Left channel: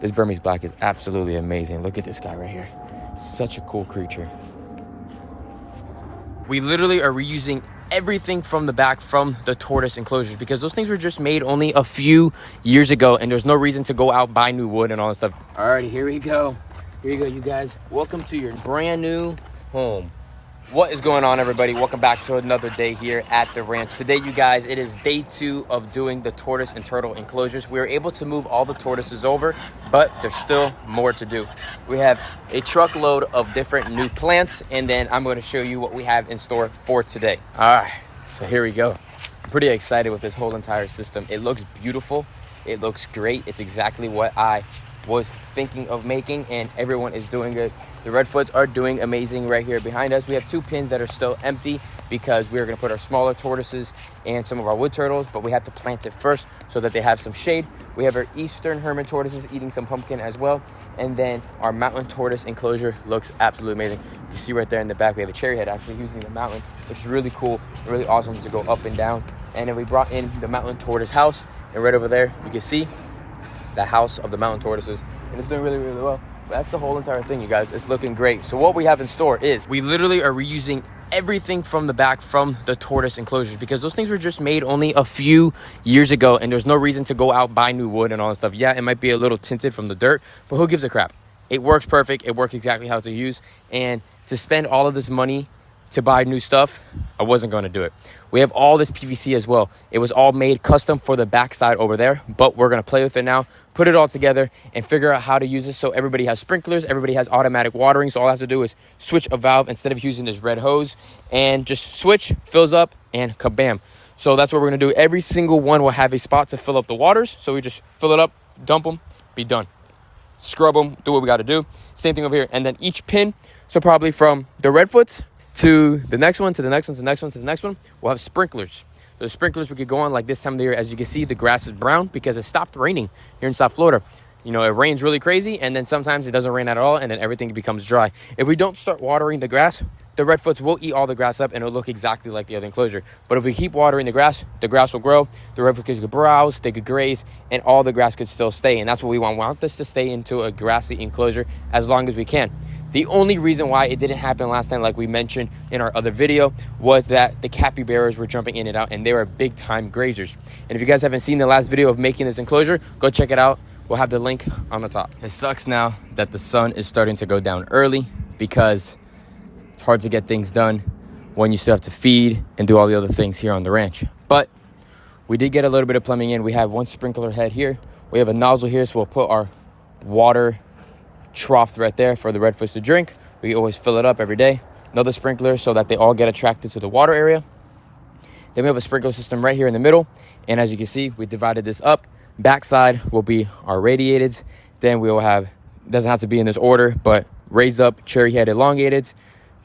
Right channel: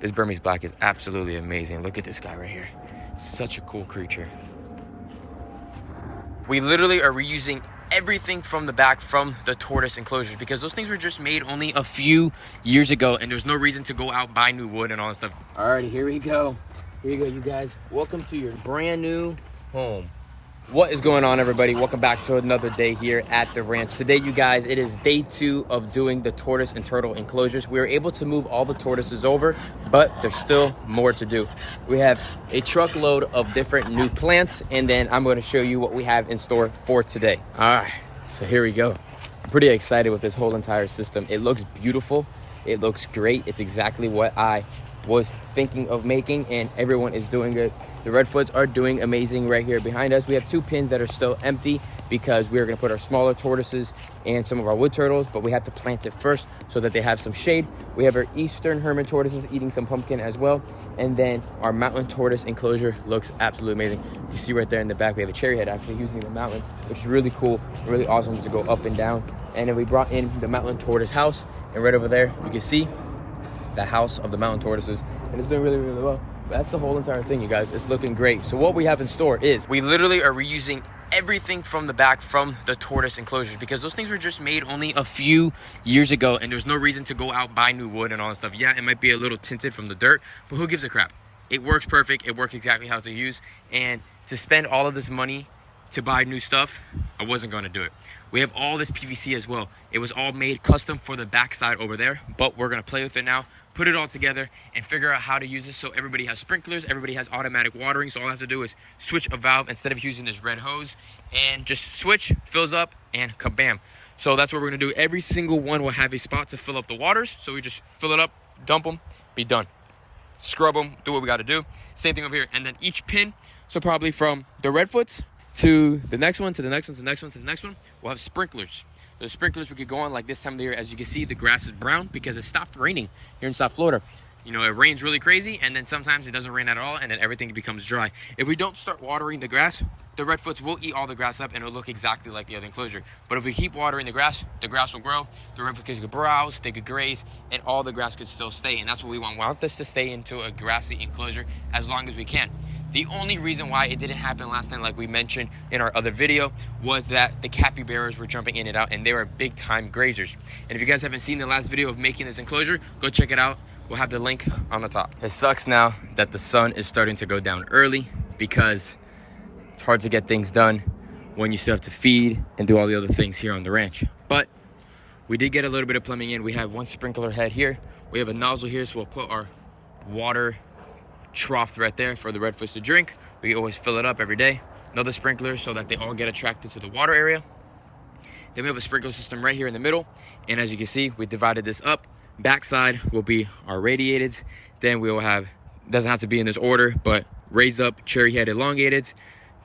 This Burmese black is absolutely amazing. Look at this guy right here. Such a cool creature. We literally are reusing everything from the back from the tortoise enclosures because those things were just made only a few years ago and there's no reason to go out, buy new wood and all that stuff. Alrighty, here we go. Here you go, you guys. Welcome to your brand new home. What is going on, everybody? Welcome back to another day here at the ranch. Today, you guys, it is day 2 of doing the tortoise and turtle enclosures. We were able to move all the tortoises over, but there's still more to do. We have a truckload of different new plants, and then I'm going to show you what we have in store for today. All right, so here we go. I'm pretty excited with this whole entire system. It looks beautiful. It looks great. It's exactly what I was thinking of making, and everyone is doing good. The Redfoots are doing amazing right here behind us. We have 2 pins that are still empty because we're going to put our smaller tortoises and some of our wood turtles, but we have to plant it first so that they have some shade. We have our eastern hermit tortoises eating some pumpkin as well, and then our mountain tortoise enclosure looks absolutely amazing. You see right there in the back we have a cherry head actually using the mountain, which is really cool, really awesome to go up and down. And then we brought in the mountain tortoise house, and right over there you can see the house of the mountain tortoises, and it's doing really well. That's the whole entire thing, you guys. It's looking great. So what we have in store is we literally are reusing everything from the back from the tortoise enclosures because those things were just made only a few years ago and there's no reason to go out, buy new wood and all that stuff. Yeah, it might be a little tinted from the dirt, but who gives a crap? It works perfect. It works exactly how to use, and to spend all of this money to buy new stuff, I wasn't going to do it. We have all this PVC as well. It was all made custom for the backside over there, but we're going to play with it now, put it all together and figure out how to use it so everybody has sprinklers, everybody has automatic watering. So all I have to do is switch a valve instead of using this red hose, and just switch, fills up, and kabam. So that's what we're going to do. Every single one will have a spot to fill up the waters. So we just fill it up, dump them, be done. Scrub them, do what we got to do. Same thing over here. And then each pin, so probably from the Redfoots to the next one, to the next one, to the next one, to the next one, we'll have sprinklers. The sprinklers we could go on like this time of the year. As you can see, the grass is brown because it stopped raining here in South Florida. You know, it rains really crazy, and then sometimes it doesn't rain at all, and then everything becomes dry. If we don't start watering the grass, the Redfoots will eat all the grass up, and it'll look exactly like the other enclosure. But if we keep watering the grass will grow. The Redfoots could browse, they could graze, and all the grass could still stay. And that's what we want. We want this to stay into a grassy enclosure as long as we can. The only reason why it didn't happen last time, like we mentioned in our other video, was that the capybaras were jumping in and out, and they were big time grazers. And if you guys haven't seen the last video of making this enclosure, go check it out. We'll have the link on the top. It sucks now that the sun is starting to go down early because it's hard to get things done when you still have to feed and do all the other things here on the ranch. But we did get a little bit of plumbing in. We have one sprinkler head here. We have a nozzle here, so we'll put our water trough right there for the Redfoots to drink. We always fill it up every day. Another sprinkler so that they all get attracted to the water area. Then we have a sprinkler system right here in the middle, and as you can see, we divided this up. Backside will be our radiated. Then we will have, doesn't have to be in this order, but raised up cherry head elongated,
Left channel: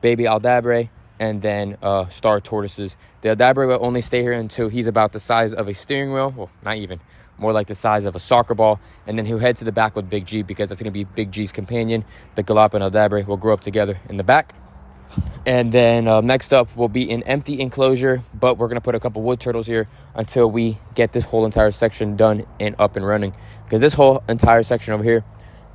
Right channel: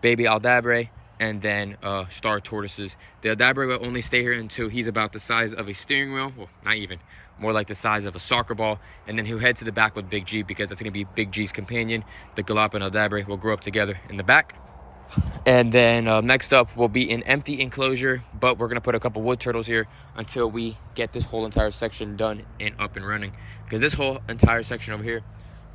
baby aldabre, and then star tortoises. The aldabre will only stay here until he's about the size of a steering wheel. Well, not even, more like the size of a soccer ball. And then he'll head to the back with Big G because that's going to be Big G's companion. The galop and aldabre will grow up together in the back. And then next up will be an empty enclosure, but we're going to put a couple wood turtles here until we get this whole entire section done and up and running, because this whole entire section over here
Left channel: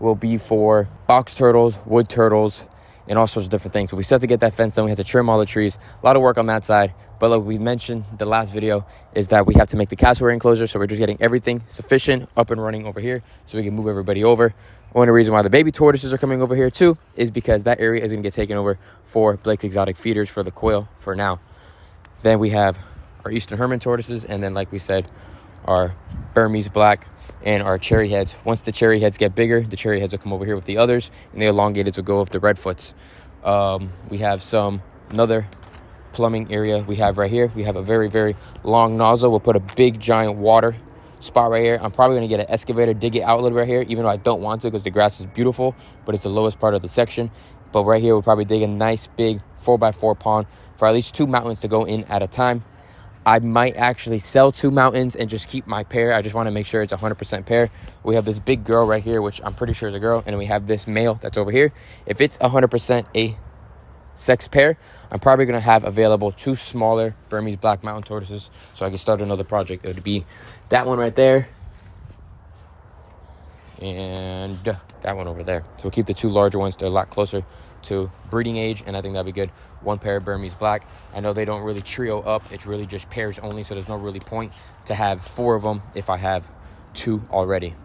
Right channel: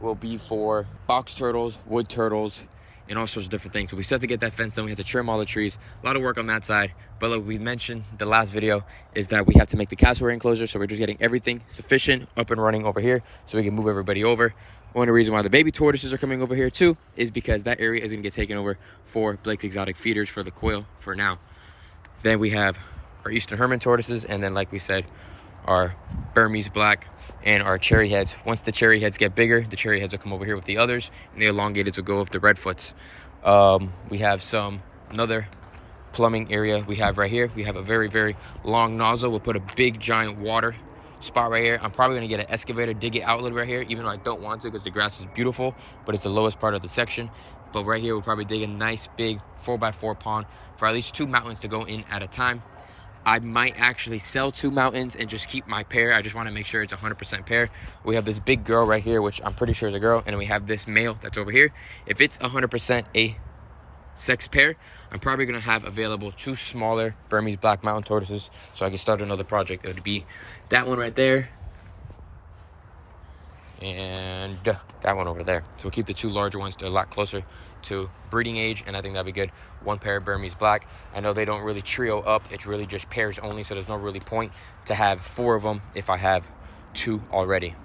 will be for box turtles, wood turtles, and all sorts of different things. But we still have to get that fence done. We have to trim all the trees. A lot of work on that side. But like we mentioned the last video, is that we have to make the cassowary enclosure. So we're just getting everything sufficient up and running over here so we can move everybody over. Only reason why the baby tortoises are coming over here too is because that area is going to get taken over for Blake's exotic feeders for the quail for now. Then we have our eastern hermit tortoises, and then like we said, our Burmese black and our cherry heads. Once the cherry heads get bigger, the cherry heads will come over here with the others, and the elongateds will go with the Redfoots. We have another plumbing area we have right here. We have a very, very long nozzle. We'll put a big giant water spot right here. I'm probably going to get an excavator, dig it outlet right here, even though I don't want to because the grass is beautiful, but it's the lowest part of the section. But right here, we'll probably dig a nice big 4x4 pond for at least 2 mountains to go in at a time. I might actually sell 2 mountains and just keep my pair. I just want to make sure it's 100% pair. We have this big girl right here, which I'm pretty sure is a girl, and we have this male that's over here. If it's 100% a sex pair, I'm probably going to have available 2 smaller Burmese black mountain tortoises so I can start another project. It would be that one right there and that one over there. So we'll keep the two larger ones. They're a lot closer to breeding age, and I think that'd be good. One pair of Burmese black. I know they don't really trio up. It's really just pairs only, so there's no really point to have 4 of them if I have 2 already.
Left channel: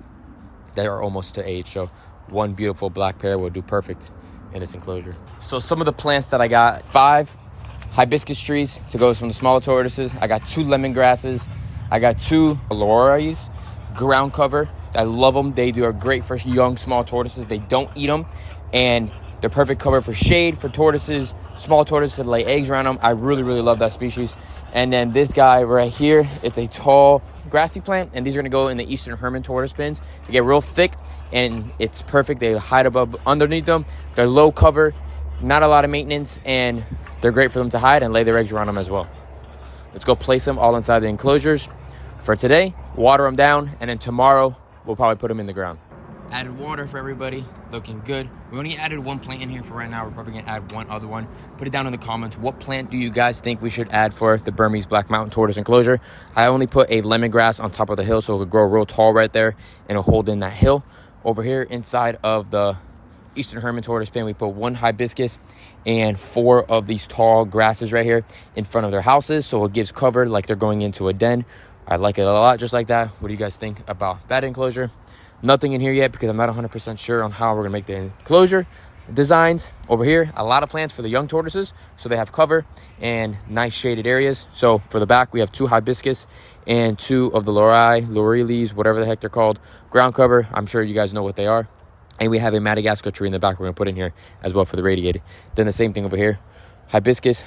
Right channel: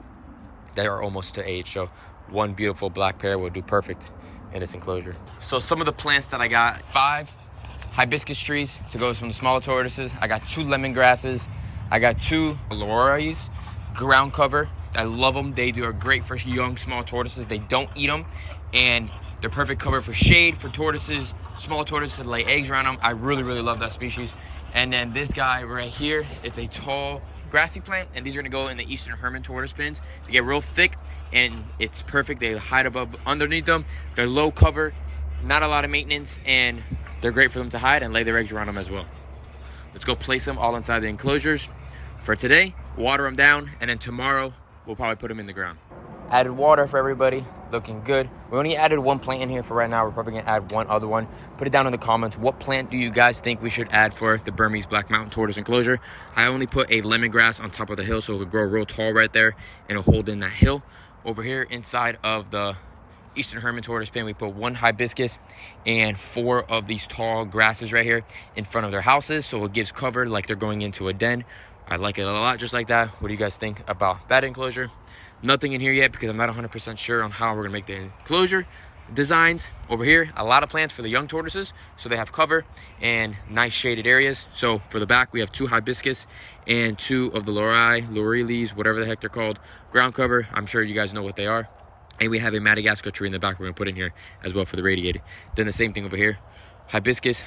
They are almost to age, so one beautiful black pair will do perfect in this enclosure. So some of the plants that I got: 5 hibiscus trees to go from the smaller tortoises. I got 2 lemongrasses. I got 2 lorries, ground cover. I love them. They are great for young, small tortoises. They don't eat them, and they're perfect cover for shade for tortoises, small tortoises to lay eggs around them. I really, really love that species. And then this guy right here, it's a tall grassy plant, and these are gonna go in the Eastern Hermit tortoise pins. They get real thick, and it's perfect. They hide above underneath them. They're low cover, not a lot of maintenance, and they're great for them to hide and lay their eggs around them as well. Let's go place them all inside the enclosures. For today, water them down, and then tomorrow, we'll probably put them in the ground. Added water for everybody, looking good. We only added 1 plant in here for right now. We're probably gonna add 1 other one. Put it down in the comments. What plant do you guys think we should add for the Burmese Black Mountain Tortoise enclosure? I only put a lemongrass on top of the hill so it could grow real tall right there and it'll hold in that hill. Over here inside of the Eastern Hermit tortoise pen, we put 1 hibiscus and 4 of these tall grasses right here in front of their houses, so it gives cover like they're going into a den. I like it a lot just like that. What do you guys think about that enclosure? Nothing in here yet because I'm not 100% sure on how we're gonna make the enclosure designs. Over here, a lot of plants for the young tortoises, so they have cover and nice shaded areas. So for the back, we have 2 hibiscus and 2 of the laurelies, whatever the heck they're called, ground cover. I'm sure you guys know what they are. And we have a Madagascar tree in the back we're gonna put in here as well for the radiated. Then the same thing over here. Hibiscus,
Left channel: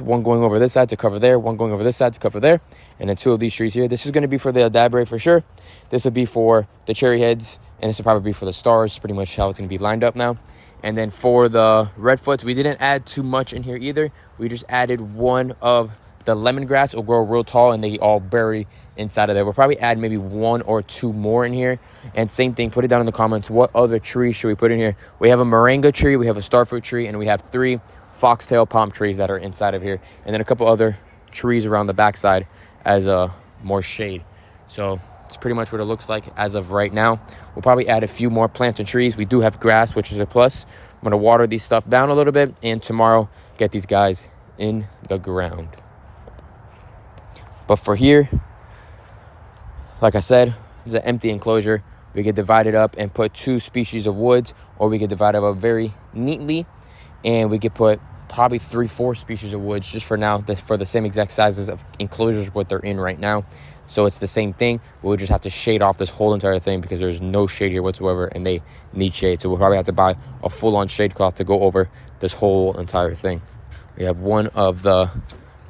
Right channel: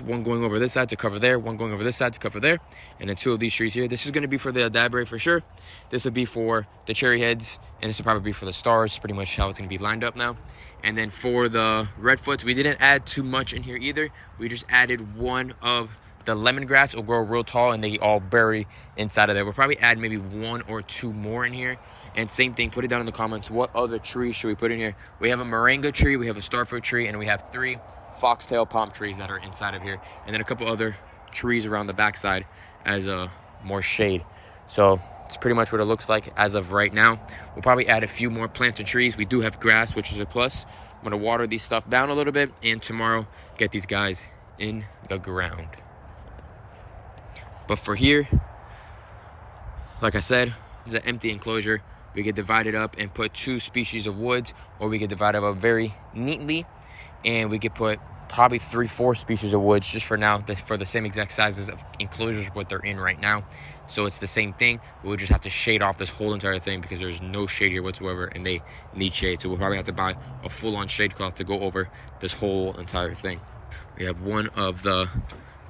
1 going over this side to cover there, 1 going over this side to cover there, and then 2 of these trees here. This is going to be for the D.I.Y for sure. This will be for the cherry heads, and this will probably be for the stars, pretty much how it's going to be lined up now. And then for the redfoots, we didn't add too much in here either. We just added 1 of the lemongrass. It'll grow real tall, and they all bury inside of there. We'll probably add maybe 1 or 2 more in here. And same thing, put it down in the comments. What other trees should we put in here? We have a moringa tree, we have a starfruit tree, and we have 3 foxtail palm trees that are inside of here, and then a couple other trees around the backside as more shade. So it's pretty much what it looks like as of right now. We'll probably add a few more plants and trees. We do have grass, which is a plus. I'm gonna water these stuff down a little bit, and tomorrow get these guys in the ground. But for here, like I said, it's an empty enclosure. We could divide it up and put 2 species of woods, or we could divide it up very neatly, and we could put probably 3-4 species of woods just for now, for the same exact sizes of enclosures what they're in right now. So it's the same thing. We'll just have to shade off this whole entire thing because there's no shade here whatsoever, and they need shade. So we'll probably have to buy a full-on shade cloth to go over this whole entire thing. We have 1 of the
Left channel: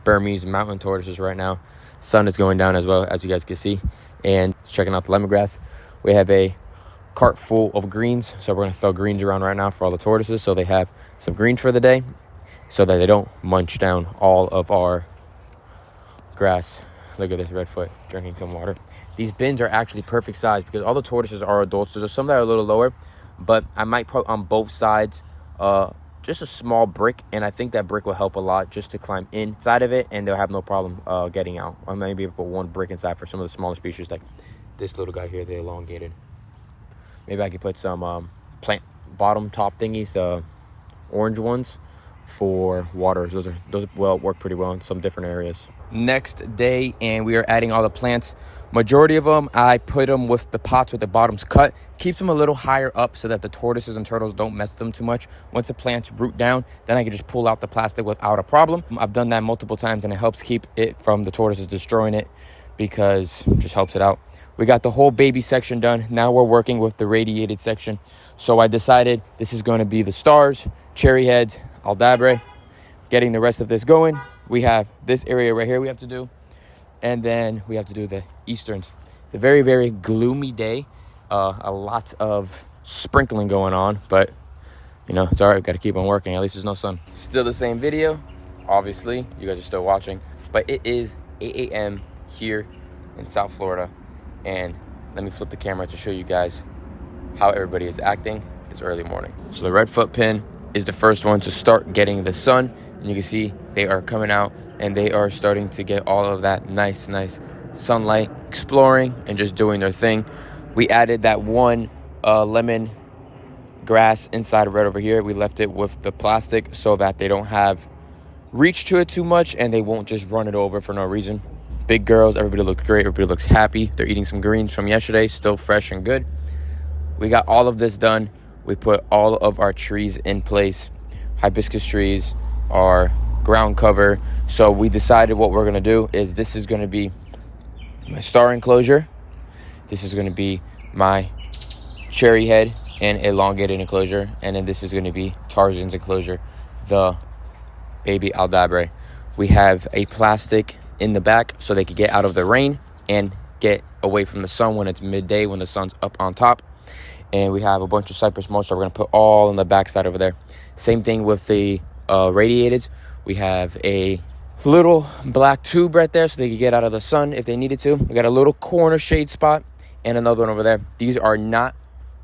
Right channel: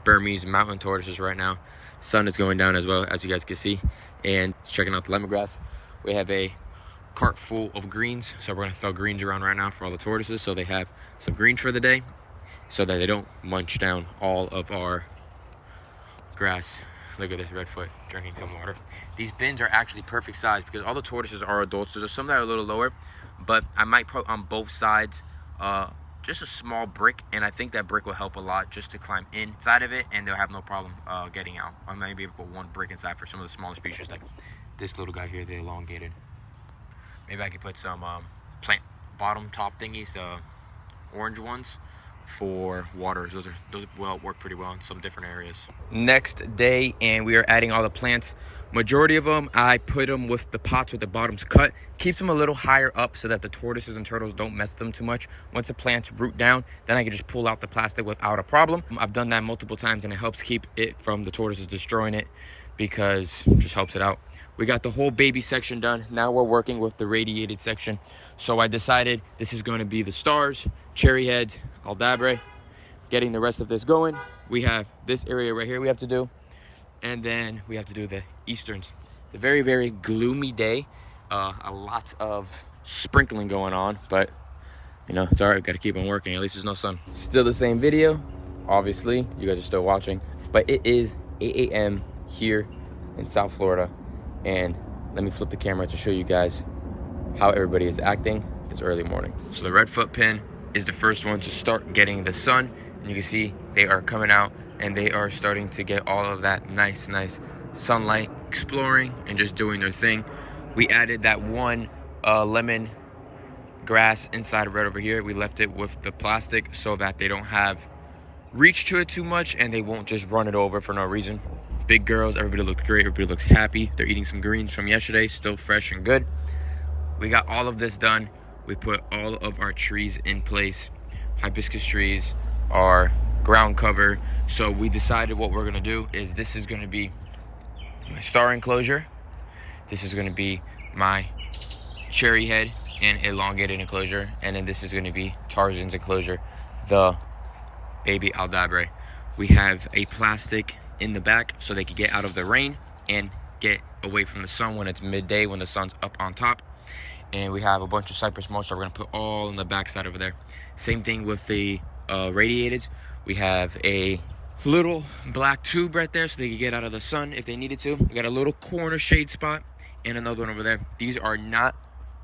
Burmese mountain tortoises right now. Sun is going down as well, as you guys can see, and checking out the lemongrass. We have a cart full of greens, so we're going to throw greens around right now for all the tortoises so they have some greens for the day, so that they don't munch down all of our grass. Look at this redfoot drinking some water. These bins are actually perfect size because all the tortoises are adults. So there's some that are a little lower, but I might put on both sides just a small brick, and I think that brick will help a lot just to climb inside of it, and they'll have no problem getting out. I might be able to put 1 brick inside for some of the smaller species, like this little guy here, the elongated. Maybe I could put some plant bottom top thingies, orange ones, for waters. Those will work pretty well in some different areas. Next day, and we are adding all the plants. Majority of them, I put them with the pots with the bottoms cut. Keeps them a little higher up so that the tortoises and turtles don't mess them too much. Once the plants root down, then I can just pull out the plastic without a problem. I've done that multiple times, and it helps keep it from the tortoises destroying it because it just helps it out. We got the whole baby section done. Now we're working with the radiated section. So I decided this is going to be the stars, cherry heads, D.I.Y, getting the rest of this going. We have this area right here we have to do, and then we have to do the easterns. It's a very, very gloomy day. A lot of sprinkling going on, but you know, it's all right. Got to keep on working. At least there's no sun. Still the same video. Obviously, you guys are still watching, but it is 8 a.m. here in South Florida. And let me flip the camera to show you guys how everybody is acting this early morning. So the redfoot pin is the first one to start getting the sun, and you can see they are coming out and they are starting to get all of that nice sunlight, exploring and just doing their thing. We added that 1 lemon grass inside right over here. We left it with the plastic so that they don't have reach to it too much and they won't just run it over for no reason. Big girls, everybody looks great, everybody looks happy. They're eating some greens from yesterday, still fresh and good. We got all of this done. We put all of our trees in place, hibiscus trees, our ground cover. So we decided what we're gonna do is this is gonna be my star enclosure. This is gonna be my cherry head and elongated enclosure. And then this is gonna be Tarzan's enclosure, the baby Aldabre. We have a plastic in the back so they could get out of the rain and get away from the sun when it's midday, when the sun's up on top. And we have a bunch of cypress mulch that we're gonna put all on the back side over there. Same thing with the radiated. We have a little black tube right there so they could get out of the sun if they needed to. We got a little corner shade spot and another one over there. These are not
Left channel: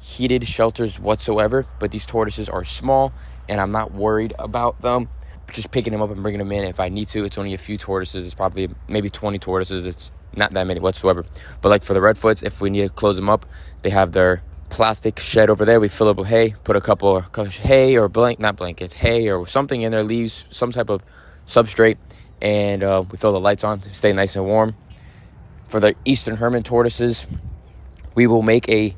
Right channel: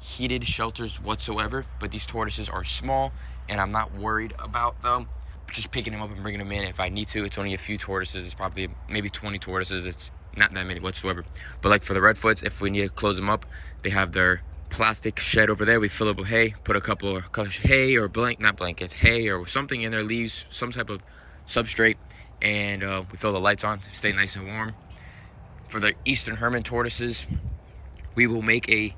heated shelters whatsoever, but these tortoises are small and I'm not worried about them. Just picking them up and bringing them in if I need to. It's only a few tortoises. It's probably maybe 20 tortoises. It's not that many whatsoever. But like for the redfoots, if we need to close them up, they have their plastic shed over there. We fill it with hay, put a couple of hay or not blankets, hay or something in there, leaves, some type of substrate, and we fill the lights on to stay nice and warm. For the Eastern Hermit tortoises, we will make a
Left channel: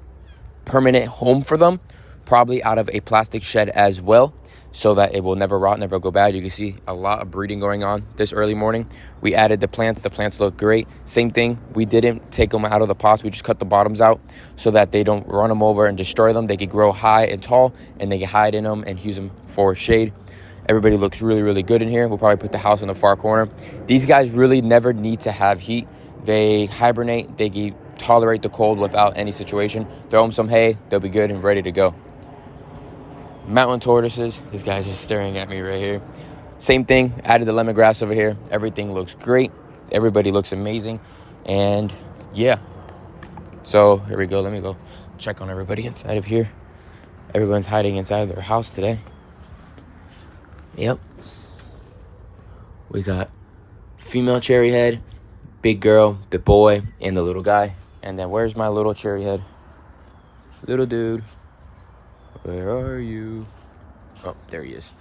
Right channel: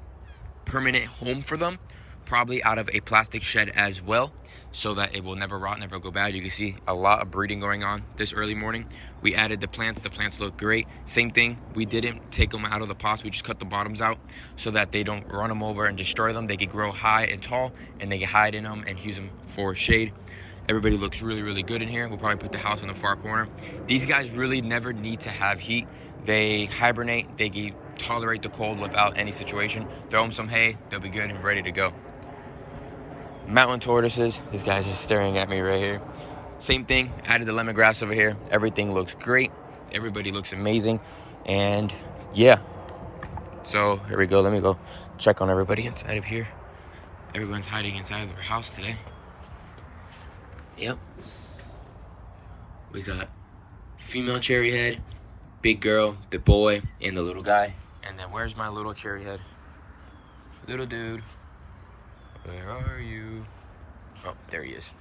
permanent home for them, probably out of a plastic shed as well, so that it will never rot, never go bad. You can see a lot of breeding going on this early morning. We added the plants look great. Same thing, we didn't take them out of the pots, we just cut the bottoms out so that they don't run them over and destroy them. They could grow high and tall and they can hide in them and use them for shade. Everybody looks really, really good in here. We'll probably put the house in the far corner. These guys really never need to have heat. They hibernate, they can tolerate the cold without any situation. Throw them some hay, they'll be good and ready to go. Mountain tortoises, this guy's just staring at me right here. Same thing, added the lemongrass over here. Everything looks great. Everybody looks amazing. And yeah, so here we go. Let me go check on everybody inside of here. Everyone's hiding inside their house today. Yep. We got female cherry head, big girl, the boy, and the little guy. And then where's my little cherry head? Little dude. Where are you? Oh, there he is.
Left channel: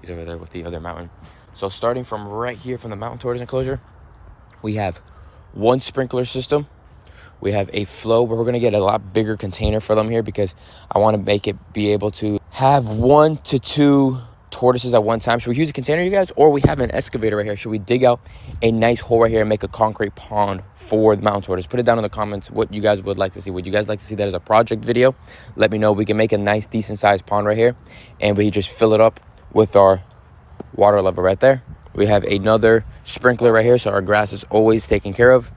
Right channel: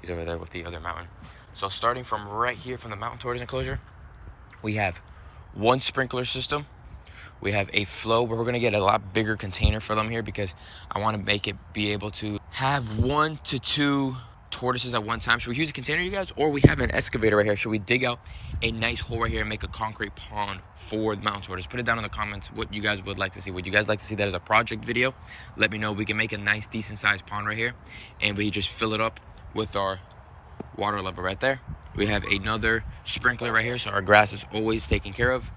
He's over there with the other mountain. So starting from right here from the mountain tortoise enclosure, we have one sprinkler system. We have a flow where we're going to get a lot bigger container for them here because I want to make it be able to have 1 to 2 tortoises at one time. Should we use a container, you guys? Or we have an excavator right here. Should we dig out a nice hole right here and make a concrete pond for the mountain tortoise? Put it down in the comments what you guys would like to see. Would you guys like to see that as a project video? Let me know. We can make a nice decent sized pond right here and we just fill it up with our water level right there. We have another sprinkler right here so our grass is always taken care of.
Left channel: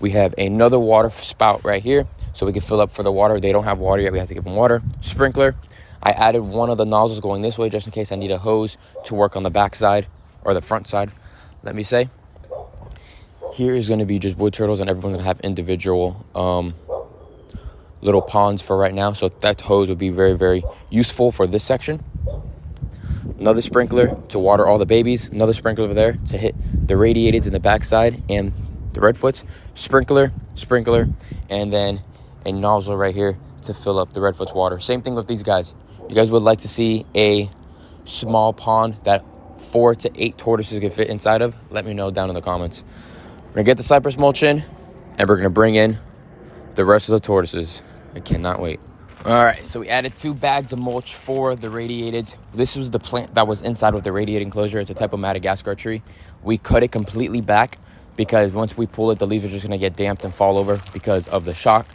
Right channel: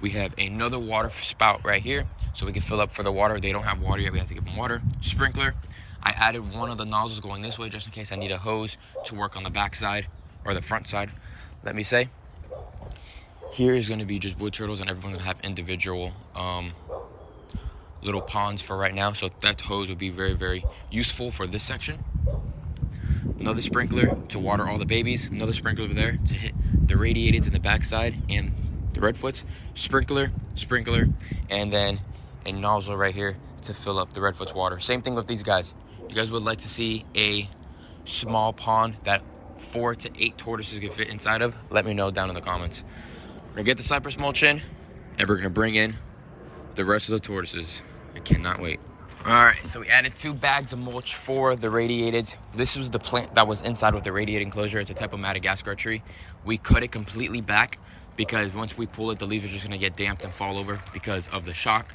We have another water spout right here so we can fill up for the water. They don't have water yet, we have to give them water. Sprinkler. I added one of the nozzles going this way just in case I need a hose to work on the back side or the front side, let me say. Here is going to be just wood turtles and everyone's going to have individual little ponds for right now. So that hose would be very, very useful for this section. Another sprinkler to water all the babies. Another sprinkler over there to hit the radiateds in the backside and the redfoots. Sprinkler, and then a nozzle right here to fill up the redfoot's water. Same thing with these guys. You guys would like to see a small pond that 4 to 8 tortoises can fit inside of? Let me know down in the comments. We're gonna get the cypress mulch in and we're gonna bring in the rest of the tortoises. I cannot wait. All right, so we added 2 bags of mulch for the radiated. This was the plant that was inside with the radiated enclosure. It's a type of Madagascar tree. We cut it completely back because once we pull it, the leaves are just gonna get damped and fall over because of the shock.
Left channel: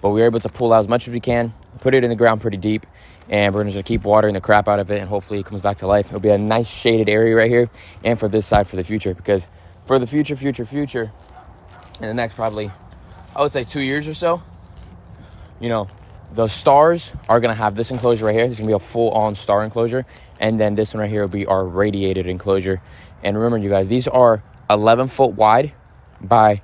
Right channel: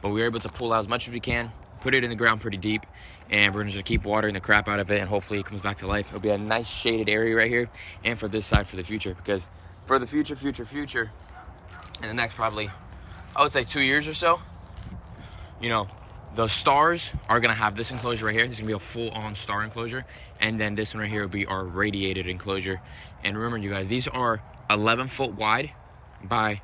But we were able to pull out as much as we can, put it in the ground pretty deep, and we're gonna keep watering the crap out of it and hopefully it comes back to life. It'll be a nice shaded area right here and for this side for the future, because for the future, in the next probably, I would say 2 years or so, you know, the stars are gonna have this enclosure right here. There's gonna be a full-on star enclosure, and then this one right here will be our radiated enclosure. And remember, you guys, these are 11 foot wide by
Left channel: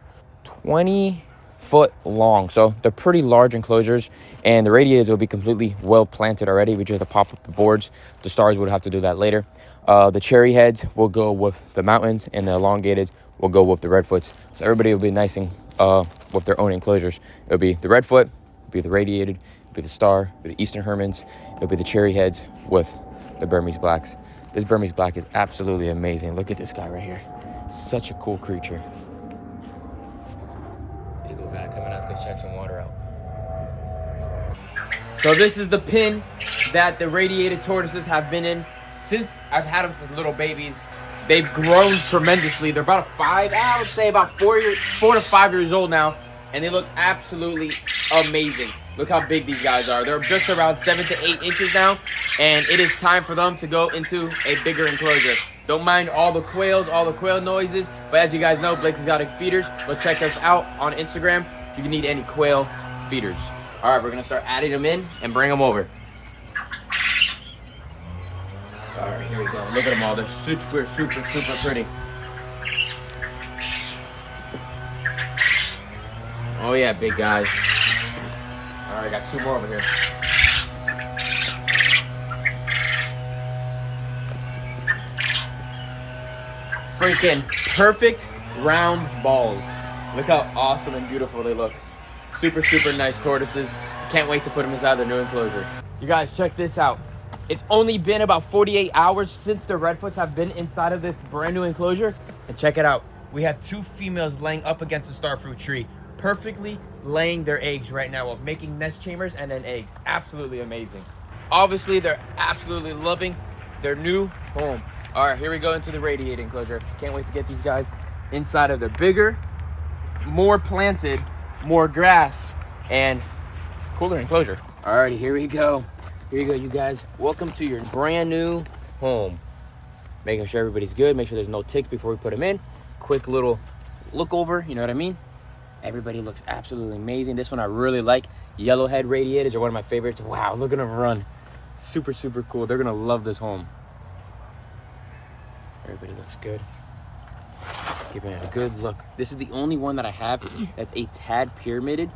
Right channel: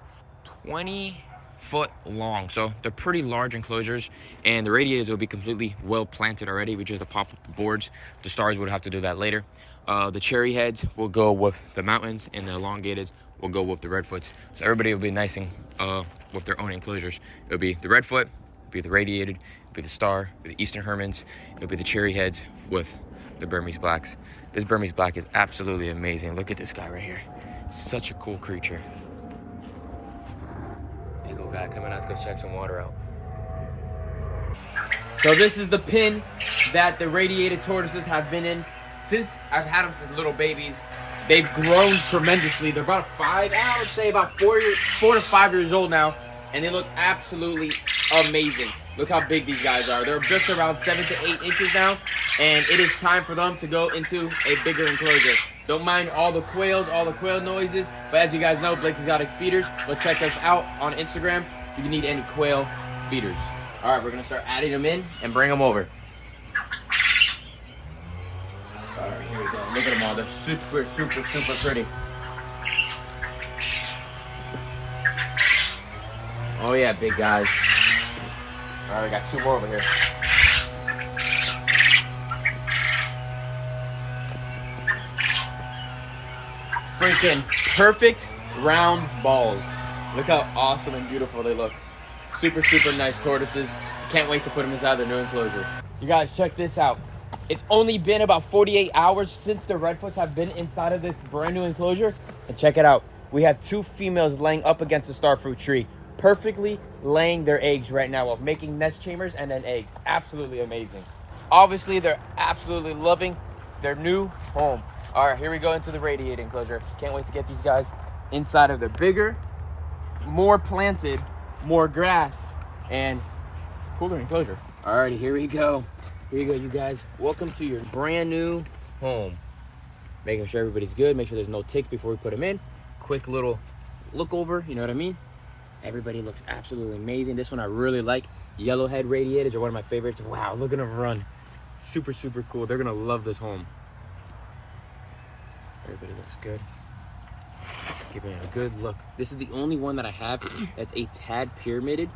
20 foot long, so they're pretty large enclosures, and the radiators will be completely well planted already. We just have to pop up the boards. The stars would have to do that later. The cherry heads will go with the mountains, and the elongated will go with the redfoots. So everybody will be nice and with their own enclosures. It'll be the redfoot, be the radiated, It'll be the Star, it'll be the Eastern Hermans, it'll be the Cherry Heads with the Burmese Blacks. This Burmese Black is absolutely amazing. Look at this guy right here. Such a cool creature. Big old guy coming out to go check some water out. So this is the pen that the Radiated Tortoises have been in since I've had them since little babies. They've grown tremendously. They're about I would say about 4 to 5 years old now, and they look absolutely amazing. Look how big these guys are. They're just around 7 to 8 inches now, and it is time for them to go into a bigger enclosure. Don't mind all the quail noises, but as you guys know, Blake's Exotic Feeders. Go check us out on Instagram if you need any quail feeders. All right, we're gonna start adding them in and bring them over. All right, here we go. Look at them all. They're super, super, super pretty. Oh yeah, big guys. All right, I got 2 more over here. Freaking perfect round balls. Look how awesome and beautiful they look. Super, super nice tortoises. Can't wait to put them inside their new enclosure. You guys, check this out. It's only been about 48 hours since the Redfoots have been inside of this brand new enclosure. And check it out. We have 2 females laying up against the starfruit tree, perfectly laying their eggs right now of making nest chambers and then eggs. Absolutely amazing. Obviously, they're absolutely loving their new home. All right, here we go into the Radiated enclosure. Can't wait to get these guys inside of the bigger, more planted, more grass, and cooler enclosure. All righty, here we go. Here you go, you guys. Welcome to your brand new home. Making sure everybody's good. Make sure there's no ticks before we put them in. Quick little look over, you know what I mean? Everybody looks absolutely amazing. This one I really like. Yellowhead Radiateds are one of my favorites. Wow, look at them run. Super, super cool. They're gonna love this home. Everybody looks good. Giving it a good look. This is the only one that I have that's a tad pyramided,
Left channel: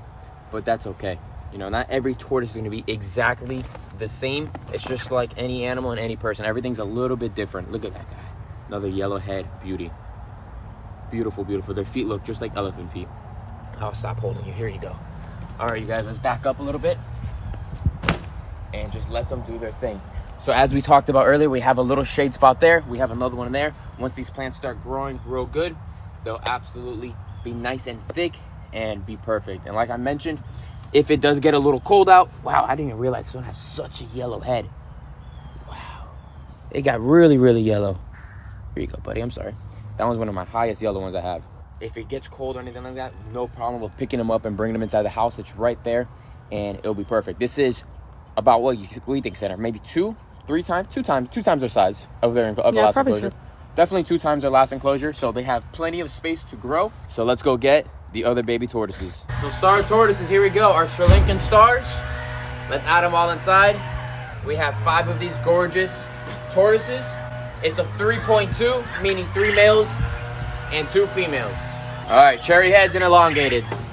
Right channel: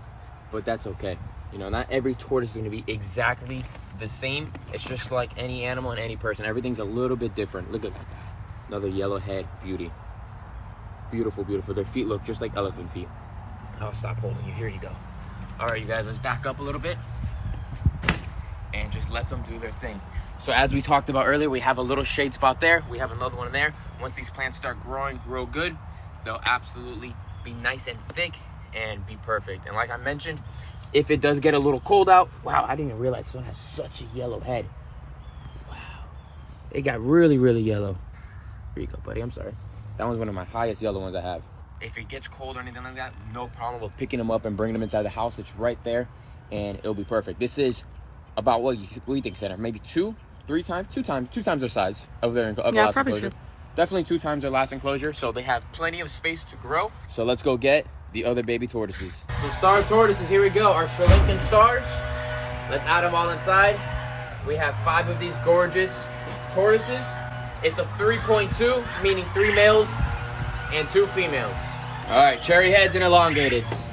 but that's okay. You know, not every tortoise is gonna be exactly the same. It's just like any animal and any person. Everything's a little bit different. Look at that guy. Another yellowhead beauty. Beautiful, beautiful. Their feet look just like elephant feet. I'll stop holding you. Here you go. All right, you guys, let's back up a little bit and just let them do their thing. So as we talked about earlier, we have a little shade spot there. We have another one there. Once these plants start growing real good, they'll absolutely be nice and thick and be perfect. And like I mentioned, if it does get a little cold out, wow, I didn't even realize this one has such a yellow head. Wow, it got really, really yellow. Here you go, buddy, I'm sorry. That one's one of my highest yellow ones I have. If it gets cold or anything like that, no problem with picking them up and bringing them inside the house. It's right there, and it'll be perfect. This is about what do you think, Center? Maybe 2 times their size of their last enclosure. Definitely 2 times their last enclosure, so they have plenty of space to grow. So let's go get the other baby tortoises. So star tortoises, here we go, our Sri Lankan stars. Let's add them all inside. We have 5 of these gorgeous tortoises. It's a 3.2, meaning 3 males and 2 females. All right, cherry heads and elongateds.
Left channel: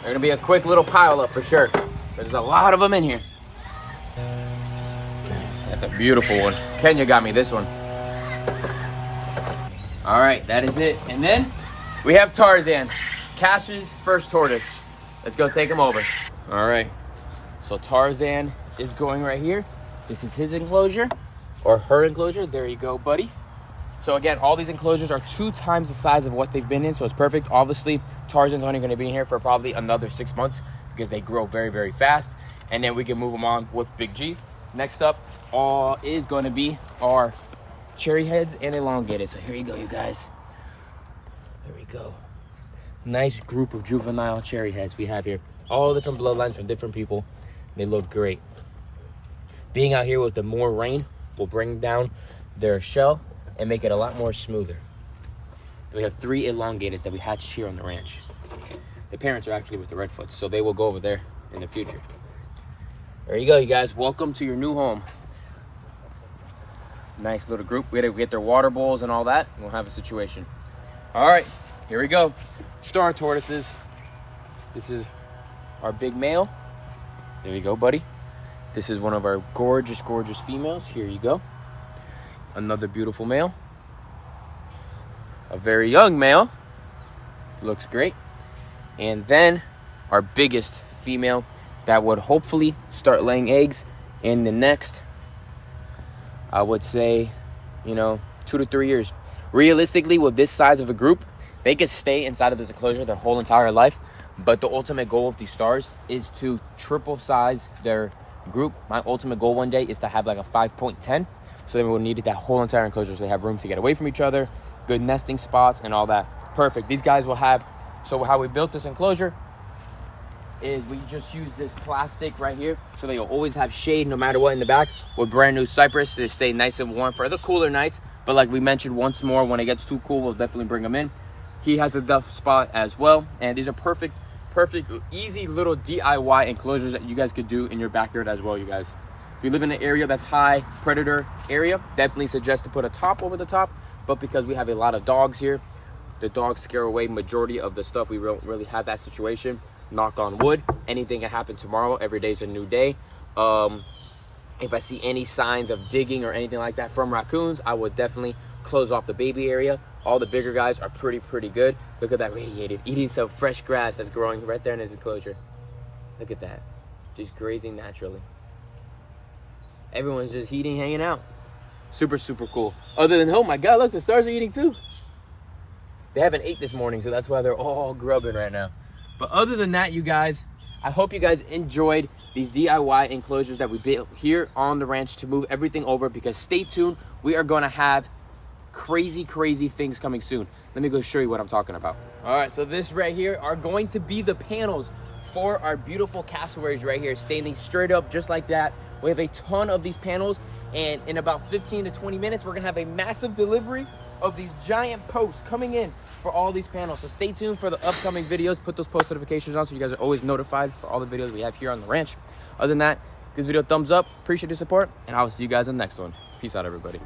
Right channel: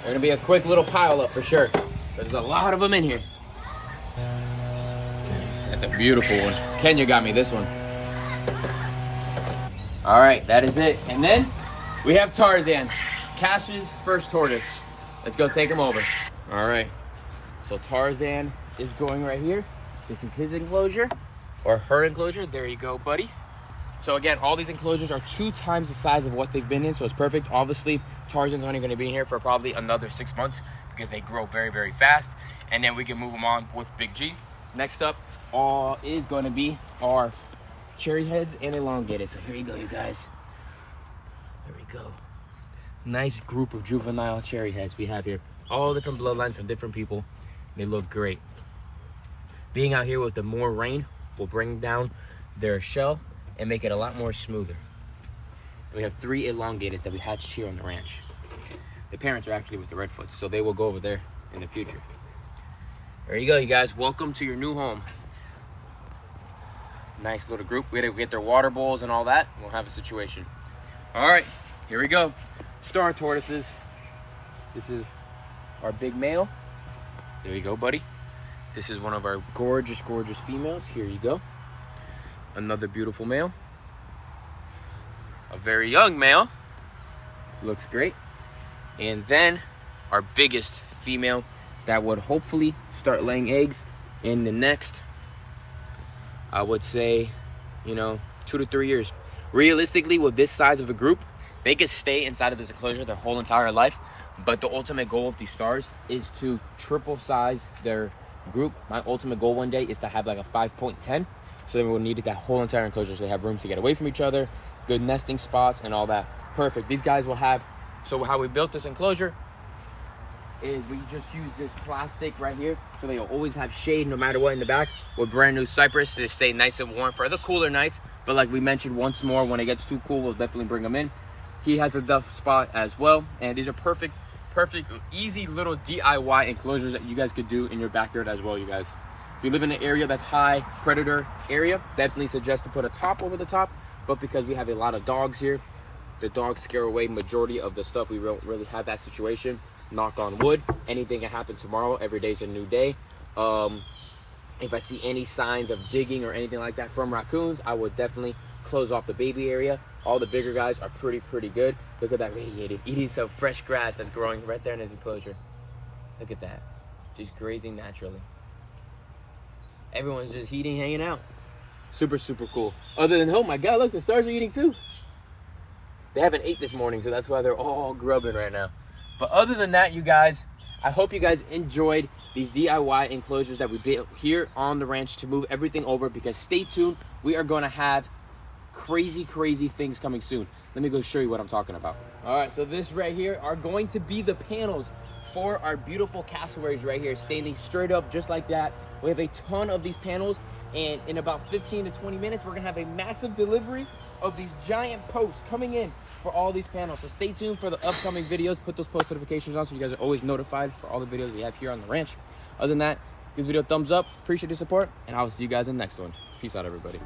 They're gonna be a quick little pile up for sure. There's a lot of them in here. That's a beautiful one. Kenya got me this one. All right, that is it. And then we have Tarzan, Cash's first tortoise. Let's go take him over. All right, so Tarzan is going right here. This is his enclosure, or her enclosure. There you go, buddy. So again, all these enclosures are 2 times the size of what they've been in, so it's perfect. Obviously, Tarzan's only gonna be in here for probably another 6 months because they grow very, very fast. And then we can move them on with Big G. Next up is gonna be our cherry heads and elongated. So here you go, you guys. There we go. Nice group of juvenile cherry heads we have here. All different bloodlines from different people. They look great. Being out here with the more rain will bring down their shell and make it a lot more smoother. And we have 3 elongateds that we hatched here on the ranch. The parents are actually with the Redfoots, so they will go over there in the future. There you go, you guys. Welcome to your new home. Nice little group. We had to get their water bowls and all that. We'll have a situation. All right, here we go. Star tortoises. This is our big male. There you go, buddy. This is one of our gorgeous, gorgeous females. Here you go. Another beautiful male. A very young male. Looks great. And then our biggest female. that would hopefully start laying eggs in the next, I would say, you know, 2 to 3 years. Realistically, with this size of a group, they could stay inside of this enclosure their whole entire life. But the ultimate goal of these stars is to triple size their group. My ultimate goal one day is to have like a 5.10. So then we'll need that whole entire enclosure so they have room to get away from each other, good nesting spots and all that. Perfect. These guys will have, so how we built this enclosure is we just use this plastic right here so they'll always have shade no matter what in the back, with brand new cypress to stay nice and warm for the cooler nights. But like we mentioned once more, when it gets too cool, we'll definitely bring them in. He has a duff spot as well, and these are perfect, easy little DIY enclosures that you guys could do in your backyard as well, you guys. If you live in an area that's high predator area, definitely suggest to put a top over the top. But because we have a lot of dogs here, the dogs scare away majority of the stuff. We don't really have that situation. Knock on wood. Anything can happen tomorrow. Every day's a new day. If I see any signs of digging or anything like that from raccoons, I would definitely close off the baby area. All the bigger guys are pretty good. Look at that Radiated, eating some fresh grass that's growing right there in his enclosure. Look at that, just grazing naturally. Everyone's just eating, hanging out. Super cool. Other than, oh my God, look, the stars are eating too. They haven't ate this morning, so that's why they're all grubbing right now. But other than that, you guys, I hope you guys enjoyed these DIY enclosures that we built here on the ranch to move everything over, because stay tuned, we are gonna have crazy things coming soon. Let me go show you what I'm talking about. All right, so this right here are going to be the panels for our beautiful cassowaries right here, standing straight up just like that. We have a ton of these panels, and in about 15 to 20 minutes, we're gonna have a massive delivery of these giant posts coming in for all these panels. So stay tuned for the upcoming videos. Put those post notifications on so you guys are always notified for all the videos we have here on the ranch. Other than that, give this video a thumbs up. Appreciate your support, and I'll see you guys in the next one. Peace out, everybody.